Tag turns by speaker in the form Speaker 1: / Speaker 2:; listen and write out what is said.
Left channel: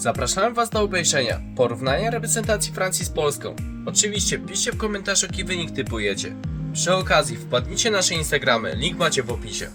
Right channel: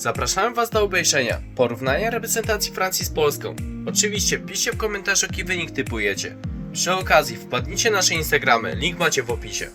Speaker 1: Zapraszamy Was do obejrzenia porównania reprezentacji Francji z Polską. Oczywiście piszcie w komentarzu jaki wynik typujecie. Przy okazji wpadnijcie na nasze Instagramy, link macie w opisie.